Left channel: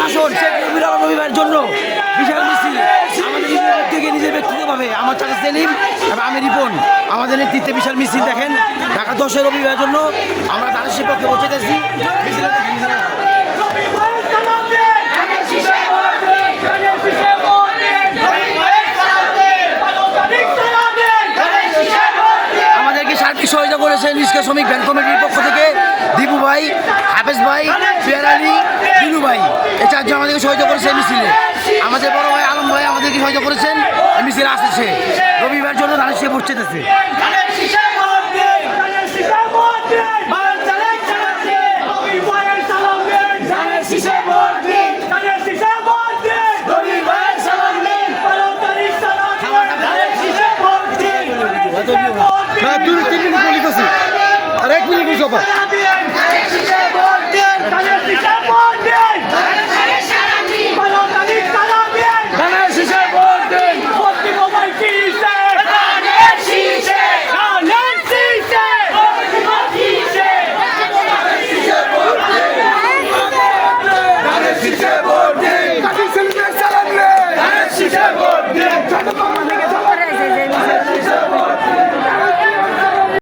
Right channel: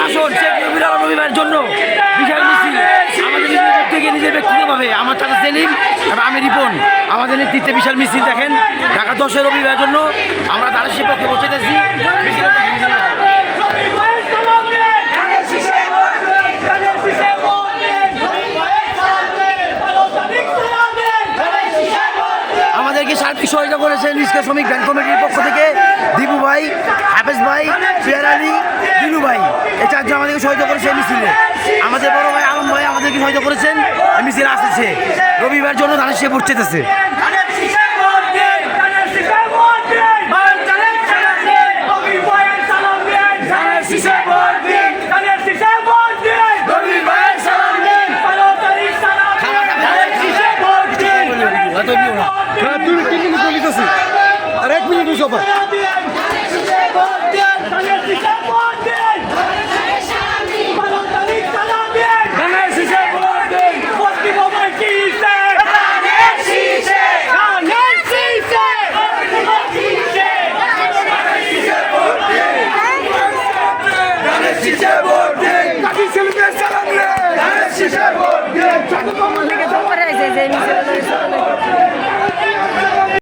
প্রশাসন শেখ মুজিবুর রহমান রবিবার জন্য বিশাল মিছিল আমাদের নিজের থেকে নিজের ব্যক্তিগতভাবে আমার চাচা সেলিম এবং আমি রিপন আমাদের নেতৃত্বে বিশাল মিছিল দেখেন ঢাকা 10 রবিবার জন্য আমরা তাদের সে পক্ষে পৌঁছেছি আমাদেরকে সার্বিক সহযোগিতা করেছেন রিক্সা শ্রমিক ব্যাংক কমিটির পক্ষ থেকে দীপু ভাই, হাফেজ ভাই, ফিয়ার আলী, দিলু ভাই এই চারজন আমাদেরকে সহযোগিতা করেছে এই মিছিলে। আমাদের বড় ভাই আলম ভাই আমাদেরকে সহযোগিতা করেছেন এই মিছিলে আসছে রবিবার জন্য তাদের সে পৌঁছেছে। না 2-3 মিনিট বলিতেছি আর 1 মিনিট সবাই